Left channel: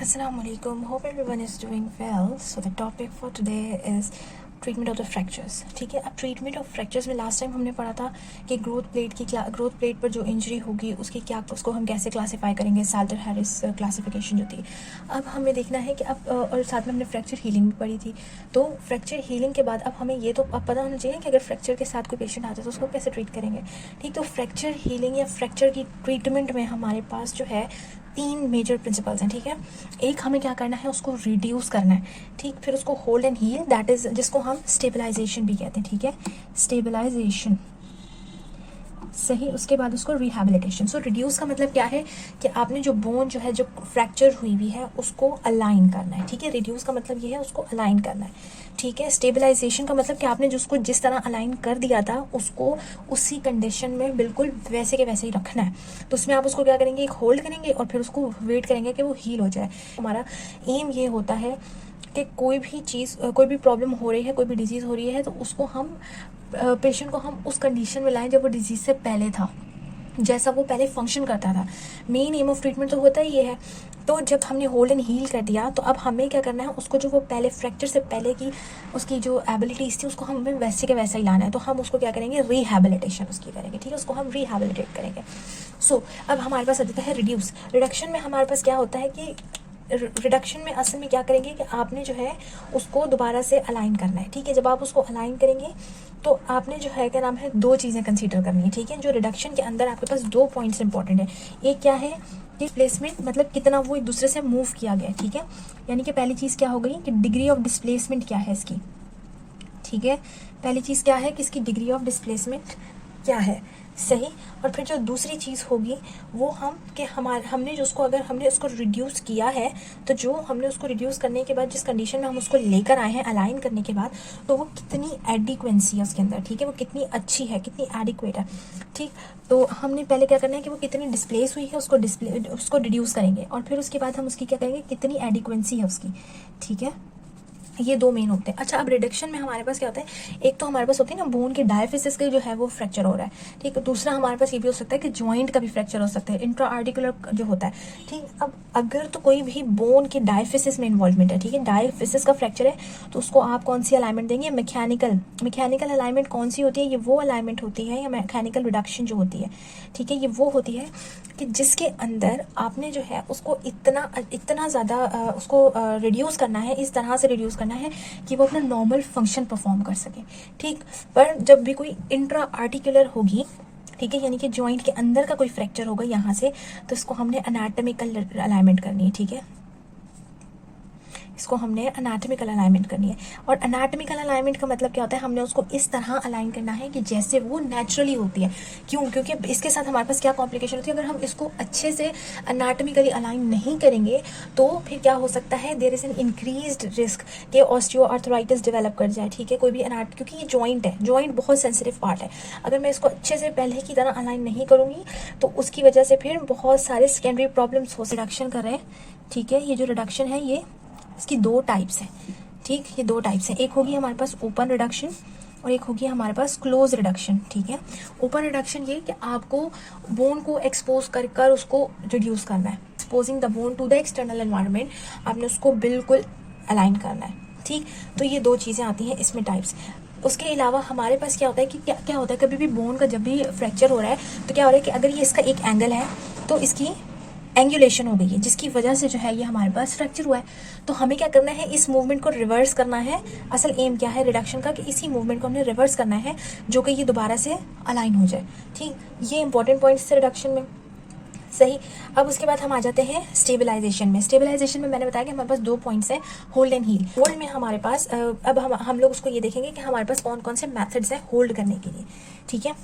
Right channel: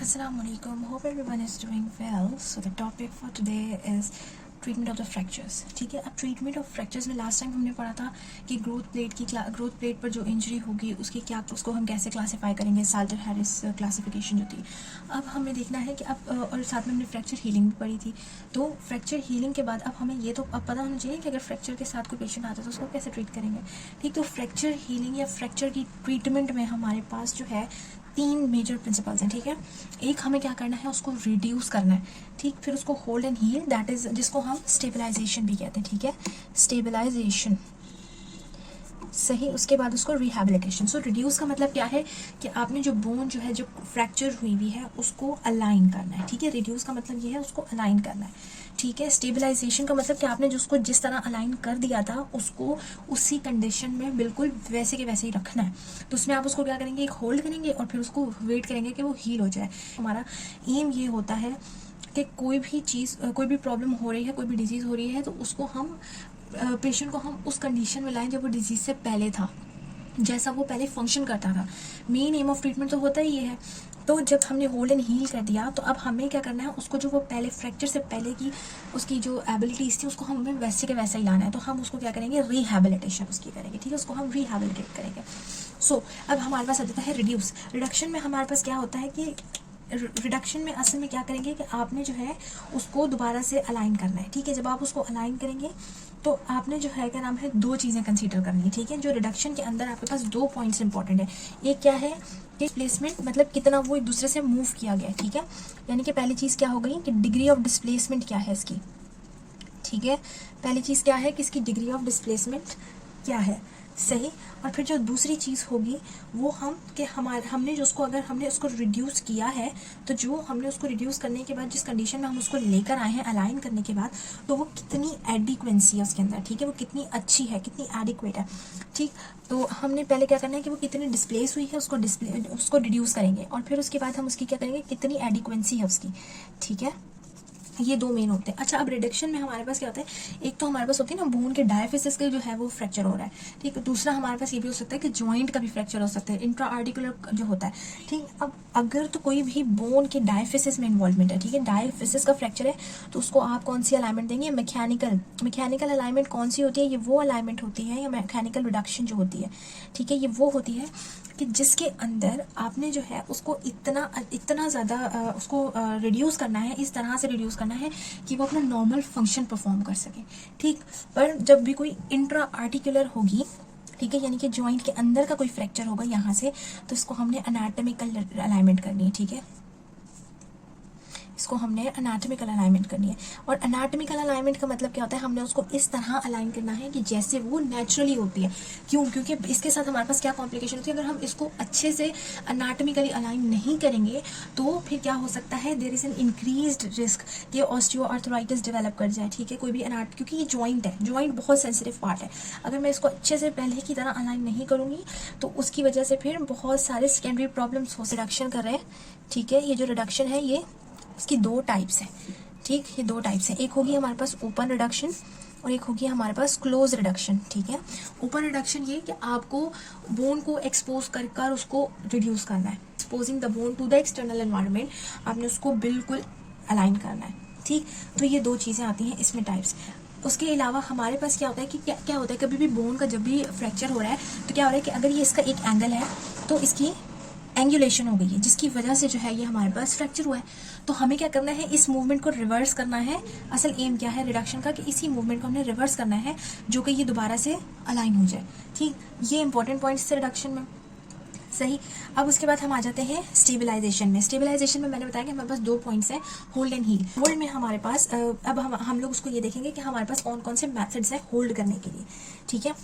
Assalamualaikum. Hope everyone is doing well. So the topic for today is treatment of the fractures. ठीक है, अब treatment of fractures में last time हमने पढ़ा था कि ग्रोथ प्लेट पर जो इंजरी होगी उसको हम कैसे क्लासीफाई करेंगे, साल्टर हैरिस क्लासिफिकेशन जो थी. अब हमें देखना है कि अब और साथ में हमने फ्रैक्चर हीलिंग भी पढ़ी थी. तो फ्रैक्चर हीलिंग के बाद अब हमें ये तो अब पता होना चाहिए कि अगर फ्रैक्चर के साथ कोई पेशेंट आता है तो उसको कैसे ट्रीट करेंगे. ठीक, तो फ्रैक्चर हीलिंग या फ्रैक्चर की ट्रीटमेंट में हमारे पास जो है 3 मेजर प्रिंसिपल्स हैं. ठीक है, एक हमें क्या करना है, उसको रिड्यूस करना है. ठीक, फिर उसको hold and heal, that is जिसको हम स्टेबलाइजेशन भी कहते हैं. ठीक है, स्टेबलाइजेशन सही. उसके बाद उसको रिहैबिलिटेशन. सो रिड्यूस का मतलब क्या है कि आपने जो बोन जो है जो फ्रैक्चर हुई हुई है उसको अलाइन करना है. ठीक है, रिड्यूस का मतलब ये है उसको अलाइन करना है. ठीक है, स्टेबलाइजेशन का मतलब कि आपने जिसको जिस तरह अलाइन कर दिया था उसको उसी कंडीशन में बिल्कुल वैसे के वैसे ही रखना है. तो उसमें आप उसको क्या करेंगे, एक होल्ड करेंगे और फिर उसको वेट करेंगे कि वो हील हो जाए. हमारा एम ये होता है कि कोई भी चीज़, कोई भी प्रॉब्लम हो रही है, कोई भी डिजीज़ हो रही है तो उसको हम पेशेंट को हम उस कंडीशन में लाएं जब वो डिजीज़ से पहले था, जैसा वो पहले फंक्शन करता था. मेन एम ऑफ ट्रीटमेंट तो होता ही ये है. तो जब हमने होल्ड एंड हील कर दिया तो अब हमें क्या करना है, उसको जो वो पहले फ्रैक्चर से पहले की उसकी जो एबिलिटीज थी उसको हमें वैसे के वैसा ही लाना है. तो हम उसको क्या करेंगे, रिहैबिलिटेशन उसकी करेंगे. ठीक है, उसको हम रिहैबिलिटेट करेंगे. सो अब हमारे पास आ जाता है रिड्यूस. रिडक्शन में हमारे पास क्या होता है कि रिडक्शन में असल में क्या करेंगे कि आपने जो है उसको दोबारा से अलाइन करना है. ठीक है, जब आप उसको अलाइन करेंगे तो आपने जो है क्या नाम है, 2 चीज़ें कंसीडर करनी है. ठीक है, जो रिडक्शन के अंदर आपके पास 2 पॉइंट्स इंपॉर्टेंट है. एक क्या है, डिस्प्लेसमेंट, मतलब कितना वो एक दूसरे से मूव किया गया. ठीक है, यानी कि पहली चीज़ क्या हो गई कि डिग्री ऑफ डिस्प्लेसमेंट क्या है इसकी. ठीक है, पहली चीज़ क्या है कि इसकी डिग्री ऑफ डिस्प्लेसमेंट क्या है. सही. और फिर जो दूसरी चीज़ होगी वो हमने जो उसको, अगर हमने उसको रिड्यूस किया है तो जो हमने उसको रिड्यूस करने के बाद जिस कंडीशन में हम उसको लेकर आए हैं अलाइन करने के बाद, तो वो कितनी एडिक्वेंसी है उसके अंदर. ठीक है, वो कितनी अच्छी है, कितनी एडिक्वेट है. ठीक, तो हमने पहले क्या करना है कि वो कितनी डिस्प्लेस हुई है उसको रिड्यूस करेंगे और फिर उसके बाद हम उसकी क्या करेंगे, कितनी एडिक्वेंसी है उसकी. ठीक है, ये 2 मेन होते हैं. अच्छा, अब रिडक्शन में हमारे पास क्या होता है, एक तो हमारे पास होती है ना बोन के डायफिसिस के जो है वो फ्रैक्चर हो रहा है. ठीक है, दूसरा हमारे पास ये भी हो सकता है कि जॉइंट का भी फ्रैक्चर हो सकता है, इंट्रा आर्टिकुलर जो होता है. ठीक, अब अगर तो कोई भी बोन के डायफिसिस में इन्वॉल्वमेंट है, ठीक है, डायफिसिस का फ्रैक्चर है तो उसको आप कौन सी अलाइनमेंट देंगे, मैकेनिकल अलाइनमेंट. कौन सी होती है, ये वो अलाइनमेंट होती है, या मैकेनिकल रिडक्शन जो होती है. ठीक है, ये वो होती है कि जिसके अंदर आपने जो है उसको इतना ज़्यादा उसको रिड्यूस करना है, इस तरह से रिड्यूस करना है कि वो अपना नॉर्मल फंक्शन परफॉर्म कर सके. ठीक, पर जब भी कोई इंट्रा आर्टिकुलर होगी, ठीक है, यानी कि जॉइंट के अंदर का कोई फ्रैक्चर होगा यहाँ से, तो इसको हमने एनाटॉमिकल अलाइनमेंट करनी है. ठीक है, इसको हमने एनाटॉमिकल अलाइनमेंट करनी है. और एनाटॉमिकल अलाइनमेंट का मतलब क्या होता है, हमने उसको इस तरह अलाइन करना है कि जैसे वो नेचुरली होती है. क्यों, क्योंकि इसके साथ हमारे पास क्या कॉम्प्लिकेशन होती है, अगर हम इसको अच्छे से एनाटॉमिकली अलाइन नहीं करेंगे तो फिर क्या हो सकता है, there is an increased risk कि ऑस्टियोआर्थराइटिस डेवलप कर जाए. ठीक है, कोई भी क्योंकि ये जॉइंट है, जॉइंट बहुत सेंसिटिव पार्ट है. अगर मैं इसको अच्छे से पहले की तरह अलाइन नहीं करूंगी तो उसकी वजह से फिर बहुत सारे सेकेंडरी प्रॉब्लम्स हो. रिडक्शन कर रहे हैं. ठीक है, ये जो रिडक्शन है ये इसकी 2 टाइप्स हैं. ठीक, ये 2 टाइप्स हैं. एक होगी हमारे पास ओपन रिडक्शन और एक होगी हमारे पास क्लोज रिडक्शन. ठीक है, ओपन रिडक्शन ये कि आपको बोन को एक्सपोज कर उसको रिड्यूस करना है. Exposing the bone to the external environment, आपने उसको बिल्कुल अलाइन करना है. ठीक, तो ये 2 चीज़ें आती हैं इसमें टाइप्स. उसके अलावा हमारे पास क्या होता है कि क्या होता है, कभी भी बोन का जब भी फ्रैक्चर हो रहा है तो क्या हो रहा है कि अगर ये इसका एक एंगल है तो इसकी एंगुलेशन हो गई है, जिसकी वजह से जो है ये हमारे पास फ्रैक्चर हुआ है. तो हमें क्या करना है, इस मूवमेंट को रिवर्स करना है. असल एम क्या है रिडक्शन का, कि इसी मूवमेंट को हमने रिवर्स करना है जो कि ये दोबारा से अलाइन हो जाए. ठीक, ये इंपॉर्टेंट पॉइंट्स थे रिडक्शन में. सही. अब उसके बाद हम आ जाते हैं स्टेबलाइजेशन में. स्टेबलाइजेशन में मैंने बताया कि हमारे पास 2 पॉइंट्स हैं, होल्ड एंड हील. होल्ड में हमारे पास अब हम लोग उसको ये देखेंगे कि हमारे पास कौन कौन से मेथड्स हैं होल्ड करने के लिए. ठीक है,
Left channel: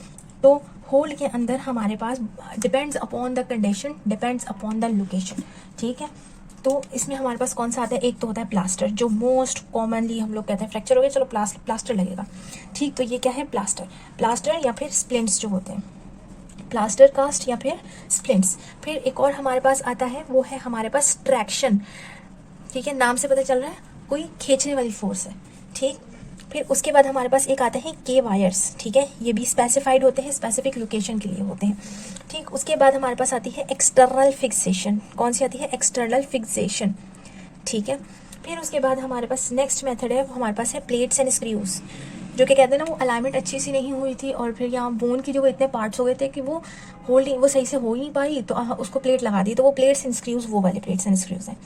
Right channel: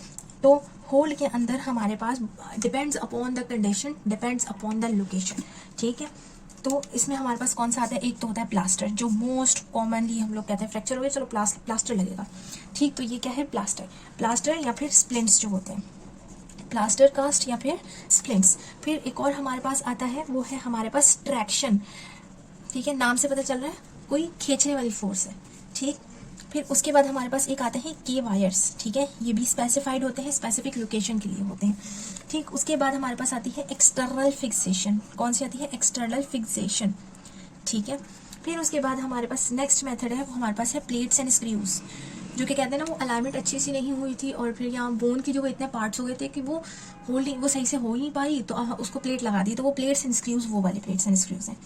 तो होल्ड के अंदर हमारे पास depends upon the condition, depends upon the location. ठीक है, तो इसमें हमारे पास कौन सा आता है, एक तो होता है प्लास्टर, जो मोस्ट कॉमनली हम लोग कहते हैं फ्रैक्चर हो गया चलो प्लास्टर लगेगा. ठीक, तो ये क्या है, प्लास्टर या फिर स्प्लिंट्स जो होते हैं, प्लास्टर कास्ट या फिर स्प्लिंट्स. फिर एक और हमारे पास आता है, वो है हमारे पास ट्रैक्शन. ठीक है, नाम से पता चल रहा है कोई खींचने वाली फोर्स है. ठीक, फिर उसके बाद हमारे पास एक आते हैं के वायर्स, ठीक है, ये भी स्पेसिफाइड होते हैं, स्पेसिफिक लोकेशन के लिए होते हैं, ठीक। उसके बाद हमारे पास आती है एक्सटर्नल फिक्सेशन, कौन सी आती है, एक्सटर्नल फिक्सेशन, ठीक है। फिर उसके बाद हमारे पास नेक्स्ट मेथड है, वो हमारे पास है प्लेट्स एंड स्क्रूज, जो कि कहते हैं ना वो अलाइनमेंट अच्छी सी नहीं हुई थी और फिर यहाँ बोन की जो वो इतने पार्ट्स हो गए थे कि वो होल्डिंग वो सही से हो ही नहीं पाई, तो उसको प्लेट लगा दी, तो वो प्लेट्स एंड स्क्रूज, वो वाले प्लेट्स एंड स्क्रूज हैं,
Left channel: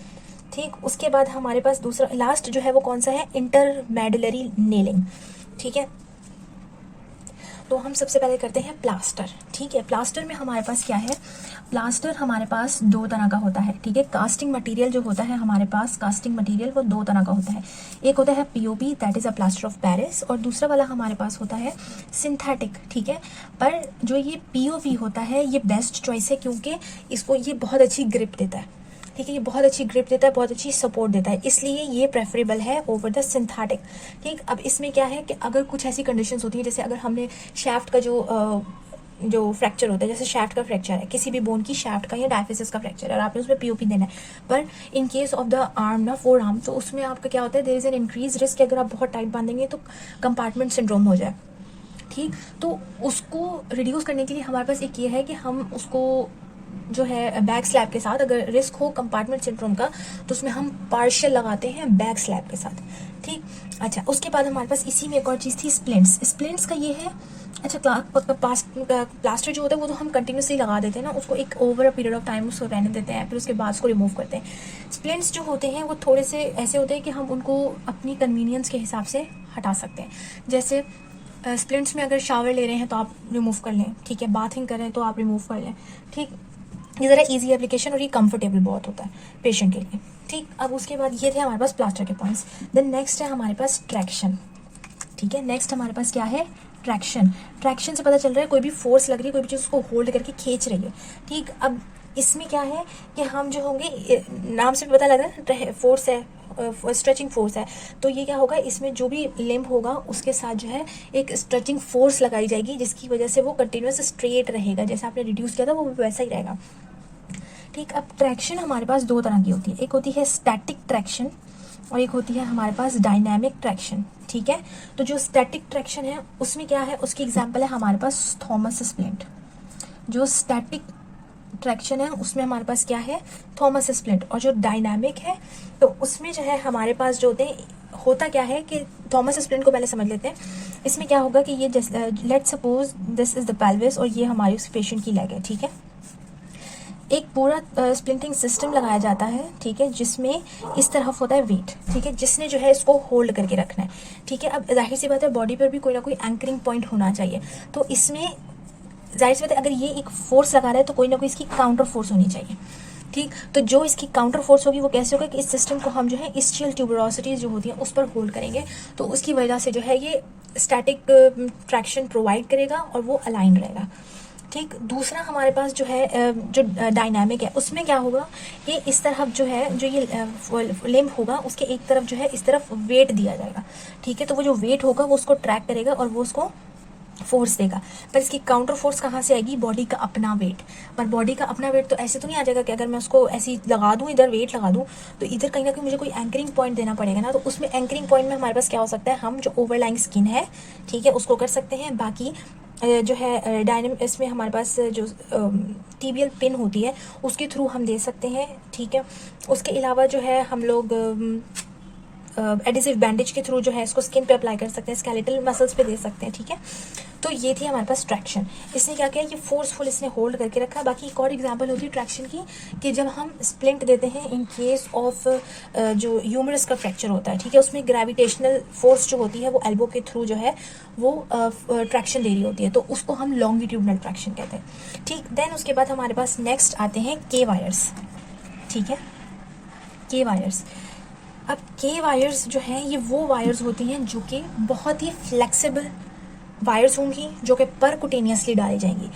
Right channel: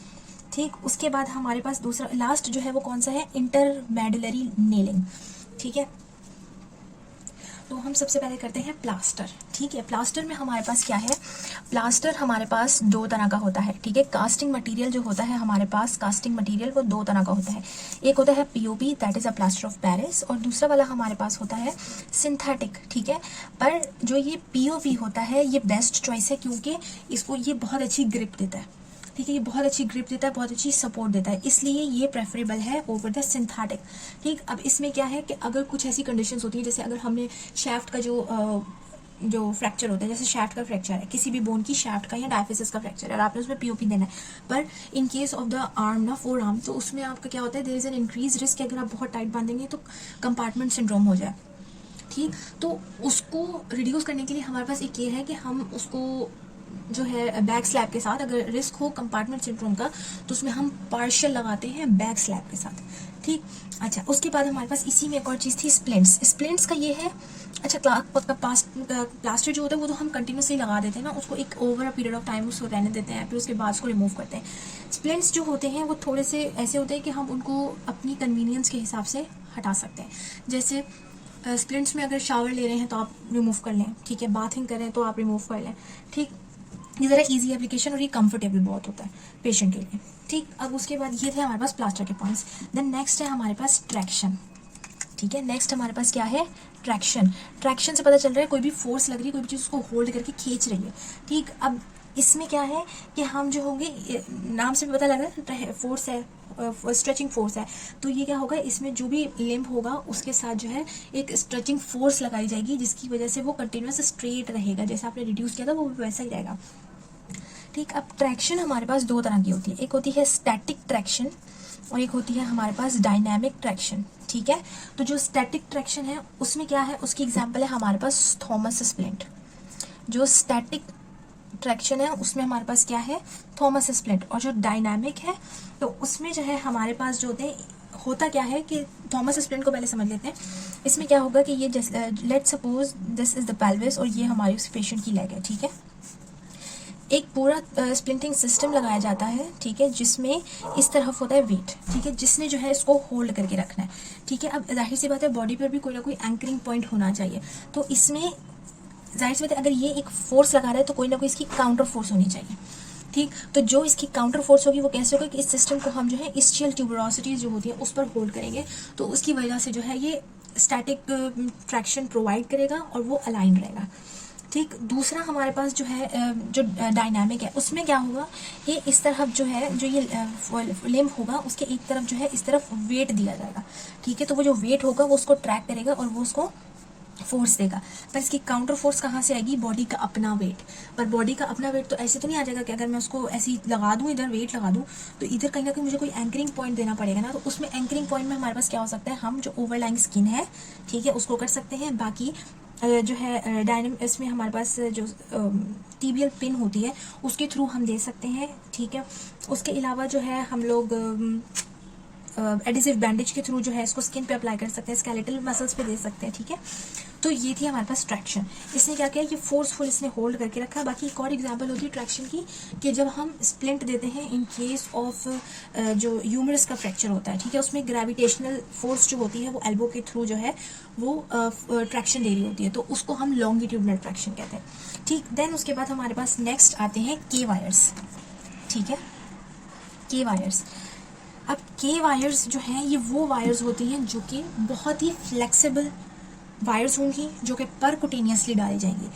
ठीक। उसके बाद हमारे पास दूसरा लास्ट जो है वो कौन सा है, इंटरमेडुलरी नेलिंग, ठीक है। तो हम सबसे पहले करते हैं प्लास्टर, ठीक है। प्लास्टर में हमारे पास क्या है, प्लास्टर हमारे पास दो तरह का होता है, ठीक है। कास्टिंग मटेरियल जो होता है हमारे पास, कास्टिंग मटेरियल वो दो तरह का होता है, एक होता है POP, that is a plaster of Paris, और दूसरा वाला हमारे पास होता है सिंथेटिक, ठीक है। पर जो ये पीओपी होता है ये बेस्ट चॉइस है, क्योंकि इसको ये बहुत अच्छी ग्रिप देता है, ठीक है, ये बहुत अच्छी ग्रिप देता है, बहुत अच्छी सपोर्ट देता है, इसलिए ये प्रेफरेबल है ओवर द सिंथेटिक, ठीक। अब इसमें क्या है कि अगर कुछ ऐसी कंडीशंस होती है, जैसे अगर हमने शैफ्ट का जो फ्रैक्चर होता है, जैसे शैफ्ट का फ्रैक्चर है, किसी भी बोन की शैफ्ट का या डायफिसिस का फ्रैक्चर है और आपने उसमें पीओपी देना है, पर in case of the arm ना, फोर आर्म, तो उसमें आपका क्या होता है, there is an increase risk कि अगर आप बहुत टाइट बांधेंगे तो कंपार्टमेंट सिंड्रोम हो जाए, ठीक। तो उसको रिड्यूस करने के लिए हमारे पास एक ये है कि हम उसको जो है बैक स्लैब के साथ, अगर रिस्क हो कंपार्टमेंट सिंड्रोम का, तो उसमें हम पार्शियल लगाते हैं बैक स्लैब के साथ, ठीक। अच्छा, उसके बाद हमारे पास इसी में एक और चीज़ थी, स्प्लिंट्स। स्प्लिंट्स का ये है, अच्छा, प्लास्टर जो होता है वो तो हम कंटिन्यूसली लगा देते हैं ना, उसको एक over a period of time उसको रहने देते हैं, फिर उसके बाद उसको रिमूव करते हैं। स्प्लिंट्स जो होते हैं वो थोड़े से ऐसे होते हैं कि हम उनको अपनी कन्वीनियंस के हिसाब से हटा सकते हैं, जैसे स्प्लिंट्स में अगर शावर ले रहे हैं तो आप रिमूव कर लें, ठीक है, बाथिंग कर रहे हैं तो आप रिमूव कर लें, ठीक। ये ज़रा इजी एप्लीकेशन और ये कंफर्टेबल बहुत होता है पेशेंट के लिए, ठीक। अब उसके बाद ये थे हमारे पास प्लास्टर के पॉइंट्स। देन नेक्स्ट है हमारे पास ट्रैक्शन, ठीक है। नेक्स्ट हमारे पास क्या है, ट्रैक्शन। ट्रैक्शन से पता चल रहा है कोई भी फोर्स लग रही है, कोई भी चीज़ उसको होल्ड करके खींच रही है, ठीक। अब इसमें क्या है कि हम जो होंगे, नाम से भी पता लग रहा है फोर्स है, स्ट्रेचिंग फोर्स है, तो ये क्या होगा, इसमें जो भी लिम्ब होगा उसके साथ जो है एक स्ट्रेचिंग फोर्स लगाई जाएगी, जिसकी वजह से वो कंटिन्यूस स्ट्रेट रहेगा, जैसे आपने रिड्यूस किया था वो वैसा ही रहेगा, ठीक। अब ट्रैक्शन हमारे पास दो तरह की होती है, एक होती है स्टैटिक ट्रैक्शन और एक होती है हमारे पास डायनामिक ट्रैक्शन, ठीक है। तो जो स्टैटिक ट्रैक्शन है उसमें क्या है, उसकी एग्जांपल है हमारे पास थॉमस स्प्लिंट। जो स्टैटिक ट्रैक्शन है उसमें हमारे पास क्या है, थॉमस स्प्लिंट। और जो डायनामिक है तो उसमें जो है हमारे पास जो होता क्या है कि थॉमस स्प्लिंट को पहले समझ लेते हैं। इसमें क्या होगा कि ये let suppose this is the pelvis और ये हमारी उस पेशेंट की लेग है, ठीक है। एक पूरा स्प्लिंटिंग सिस्टम लगाया जाता है, ठीक है, जिसमें इस तरफ होता है वेट, ठीक है, जिसने जो है इसको होल्ड करके रखना है, ठीक है। अब जाहिर सी बात है बॉडी पर भी कोई ना कोई एंकरिंग पॉइंट होना चाहिए, तो इसमें जाहिर सी बात है अगर ये एक फोर्स लगा रहा है तो कोई ना कोई इसकी काउंटर फोर्स होनी चाहिए, ठीक। तो जो इसकी काउंटर फोर्स होगी वो कैसे होगा कि इस सिस्टम को हम जो है ischial ट्यूबरोसिटीज जो होती है उस पर होल्ड करेंगे, तो उसकी वजह से जो है ये स्टैटिक ट्रैक्शन प्रोवाइड करेगा और वो अलाइन रहेगा, ठीक। दूसरा हमारे पास जो है जो डायनामिक है उसमें क्या होगा, ये इस तरफ जो है जो ये लिम्ब होगा उसके एक तरफ जो है इस तरफ वेट दिया जाएगा, ठीक है। तो वो जो वेट होगा वो उसको ट्रैक करेगा और वो उसको फोर्स देगा, पर इसकी काउंटर फोर्स कहाँ से आएगी, बॉडी का अपना वेट। पर बॉडी का अपना वेट तो ऐसे तो नहीं आ जाएगा कि अगर मैं उसको ऐसी लगा दूं, इधर वेट लगा दूं, तो इधर कहीं ना कहीं मुझे कोई एंकरिंग पॉइंट देना पड़ेगा ना। तो उसमें एंकरिंग पॉइंट में हमारे पास क्या हो सकता है, हम जो ओवरलाइंग स्किन है, ठीक है, उसको कर सकते हैं। बाकी जो है डायनामिक इसमें हमारे पास जो टीबियल पिन होती है उसके थ्रू हम दे सकते हैं, ठीक है। उसके अलावा जो है हम लोग एडिसिव बैंडेज के थ्रू जो है इसको स्किन पे अप्लाई कर सकते हैं, स्केलेटल मसल्स पे दे सकते हैं, ठीक है। तो ये थी हमारे पास ट्रैक्शन। इसने क्या किया, ये फोर्सफुल इसने होल्ड करके रखा। बाकी एक और एग्जांपल होती है ट्रैक्शन की कि जब हम स्प्लिंट देते हैं इन केस ऑफ जो ह्यूमरस का फ्रैक्चर होता है, ठीक है, उसमें ग्रेविटेशनल फोर्स जो होती है वो एल्बो के थ्रू जो है वो ट्रैक्शन दे रही होती है, तो उसको हम लॉन्गिट्यूडनल ट्रैक्शन कहते हैं, ठीक। देन उसके बाद हमारे पास नेक्स्ट आते हैं के वायर्स, ठीक है, के वायर्स। अब के वायर्स जो हैं ये वो वायर्स होती हैं जो कि बहुत ही फ्लेक्सिबल वायर्स होंगी, जो कि परकुटेनियसली डाली जाएंगी।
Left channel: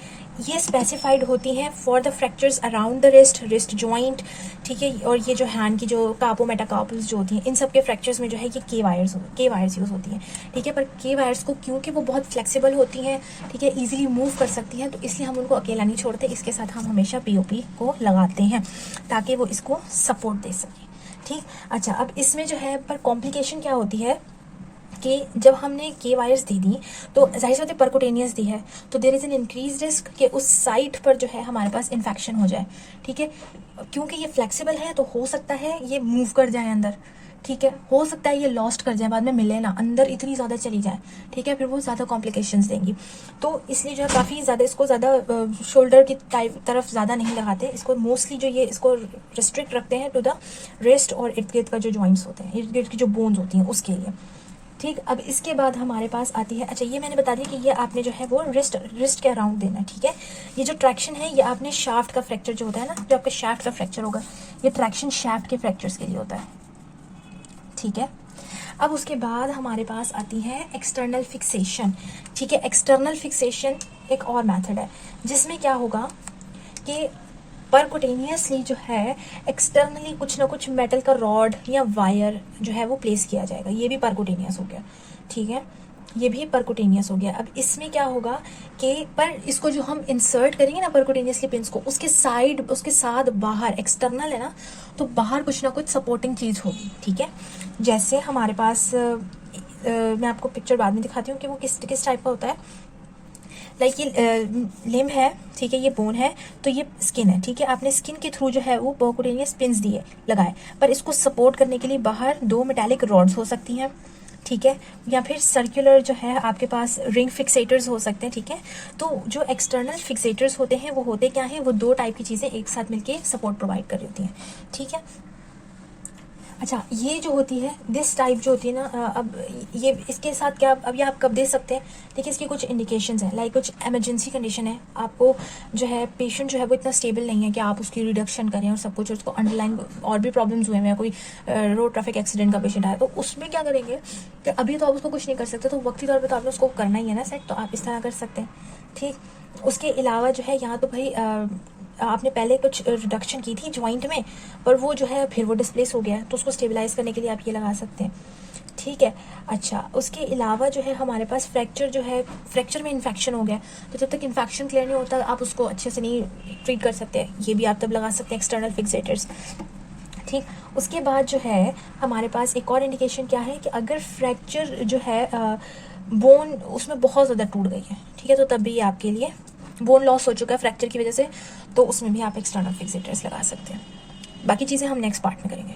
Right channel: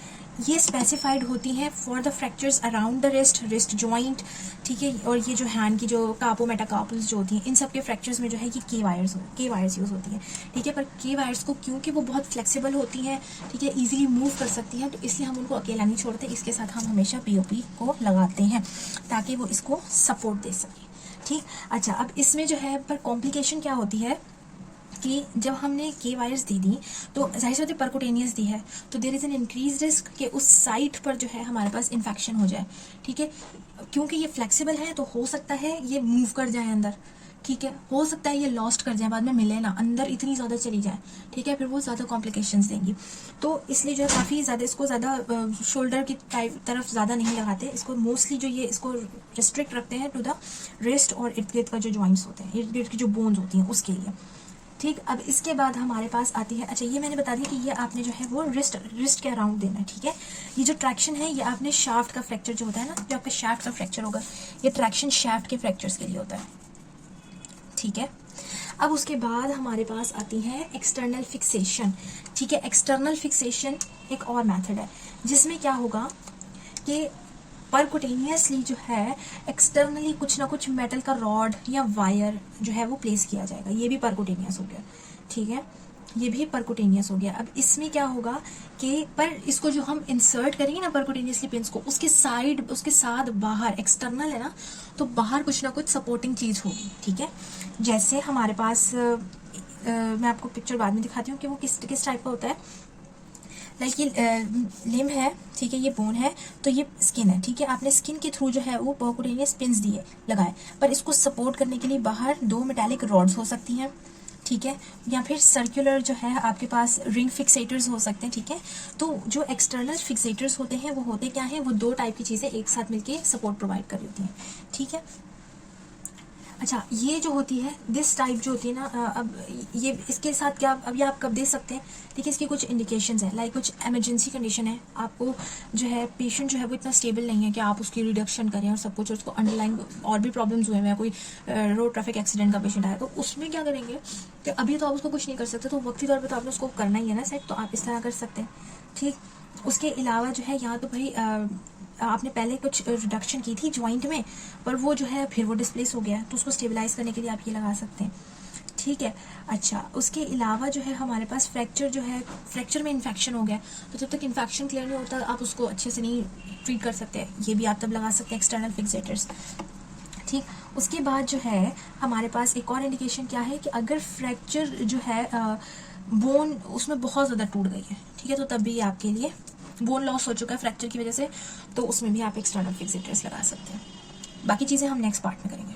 ये स्पेसिफाइड होती हैं for the fractures around the wrist joint, ठीक है। और ये जो हैंड की जो कार्पो मेटाकार्पल्स जो होती हैं इन सब के फ्रैक्चर्स में जो है ये के वायर्स यूज होती हैं, ठीक है। पर के वायर्स को क्योंकि वो बहुत फ्लेक्सिबल होती हैं, ठीक है, इजीली मूव कर सकती हैं, तो इसलिए हम उनको अकेला नहीं छोड़ते, इसके साथ हम हमेशा पीओपी को लगाते हैं ताकि वो इसको सपोर्ट दे सके, ठीक। अच्छा, अब इसमें जो है पर कॉम्प्लिकेशन क्या होती है कि जब हमने के वायर्स दे दी तो जाहिर सी बात है परकुटेनियस दी है, तो there is an increase risk कि उस साइट पर जो है हमारे पास इन्फेक्शन हो जाए। ठीक है, क्योंकि ये फ्लेक्सिबल है तो हो सकता है ये मूव कर जाए अंदर। ठीक है, हो सकता है ये लॉस्ट कर जाए, बाद में मिले ना, अंदर इतनी ज़्यादा चली जाए। ठीक है, फिर वो ज़्यादा कॉम्प्लिकेशंस देंगी। तो इसलिए जो है काफ़ी ज़्यादा इसको ज़्यादा शोल्डर की तरफ ज़्यादा नहीं लगाते इसको, मोस्टली जो ये इसको रिस्ट्रिक्ट रखते हैं टू द रिस्ट और इर्द गिर्द का जो जॉइंट्स होते हैं, इर्द गिर्द की जो बोन्स होती हैं उसके लिए। ठीक, अब इसके बाद हमारे पास आती है, अच्छा ये मैंने बता दिया कि ये आपने जो है वो रिस्ट के अराउंड देना है। ठीक है, ये जो ट्रैक्शन है ये आपने शाफ्ट का फ्रैक्चर जो होता है ना, जो आपका शाफ्ट का फ्रैक्चर होगा, ये ट्रैक्शन शाफ्ट के फ्रैक्चर्स के लिए होता है। ठीक है, अब उसके बाद हमारे पास आती है एक्सटर्नल फिक्सेशन। ठीक है, एक्सटर्नल फिक्सेशन एक और मेथड है जिसमें क्या होगा कि परकुटेनियसली जो है एक्सटर्नली कुछ ना कुछ मेटल का रॉड या वायर जो है वो प्लेस किया जाएगा। ये भी परकुटेनियस हो गया। ठीक है, ये भी परकुटेनियस हो गया। अब इसमें क्या होगा कि पर इसको जो हम इंसर्ट करेंगे ना परकुटेनियसली पिंस को, उसके साथ बाहर एक्सटर्नल है ना, तो बाहर कुछ ना कुछ सपोर्टिंग चीज होगी। ठीक है, जैसे हमारे पास मैं आपको पिक्चर बाद में दिखाती हूँ कि वो किस टाइप का होता है। लाइक ये लिम्ब है, ठीक है, ये बोन है, तो ये स्किन है। ठीक है, आपने स्किन के थ्रू जो है वो परकुटेनियस पिंस दिए लगाए, पर इसको सपोर्ट करने के लिए बाहर 2 मेटालिक रॉड्स हो सकती हैं। ठीक है, या फिर सर्कुलर जो है आपके पास रिंग फिक्सेटर्स हो सकते हैं। ठीक है, तो जो एक्सटर्नल फिक्सेटर्स होते हैं वो होते क्या हैं, वो 2 टाइप की चीज़ें एक साथ मिलके सपोर्ट प्रोवाइड कर रही होती हैं। ठीक है, अच्छा ये जो होती है दिस टाइप जो होती है ना, अब ये इसके साथ क्या अब ये आप कब दे सकते हैं, देखिए इसकी कुछ इंडिकेशंस हैं। लाइक कुछ इमरजेंसी कंडीशन है, आपको जो है पेशेंट जो है वो इतना स्टेबल नहीं है कि आप उसकी रिडक्शन करें और सब कुछ, उसको अंडरलाइन और भी प्रॉब्लम्स हुए हैं, कोई रोड ट्रैफिक एक्सीडेंट का पेशेंट है, तो उसमें क्या करेंगे कि अभी तो आप उसको कुछ नहीं कर सकते, तो वक्ती तौर पर तो आपने उसको करना ही है ना सेट, तो आप इस तरह कर सकते हैं। ठीक, उसके अलावा जो है यहाँ तो भाई आपने पहले कुछ रिडक्शन की थी ज्वाइंट में, पर वो जो है फिर वो डिस्प्लेस हो गया, तो उसको स्टेबलाइज करने के लिए आप ये लगा सकते हैं। ठीक है, अच्छा उसके अलावा जो है हमारे पास फ्रैक्चर जो है, फ्रैक्चर में इन्फेक्शन हो गया, तो जब तक इन्फेक्शन क्लियर नहीं होता आप उसको अच्छे से नहीं ट्रीट कर सकते, ये भी आप तब लगा सकते हैं एक्सटर्नल फिक्सेटर्स। ठीक, उसके बाद जो है हमारे पास एक और इंडिकेशन क्या है कि अगर फ्रैक्चर जो है बोन उसमें बहुत ज़्यादा टूट गई है, ठीक है, तो तब भी आपके लिए बोन लॉस हो चुका है फ्रैक्चर की वजह से, तो उसमें भी आप एक्सटर्नल फिक्सेटर्स लगा सकते हैं। बाकी चीज़ें हम नेक्स्ट पार्ट में करेंगे।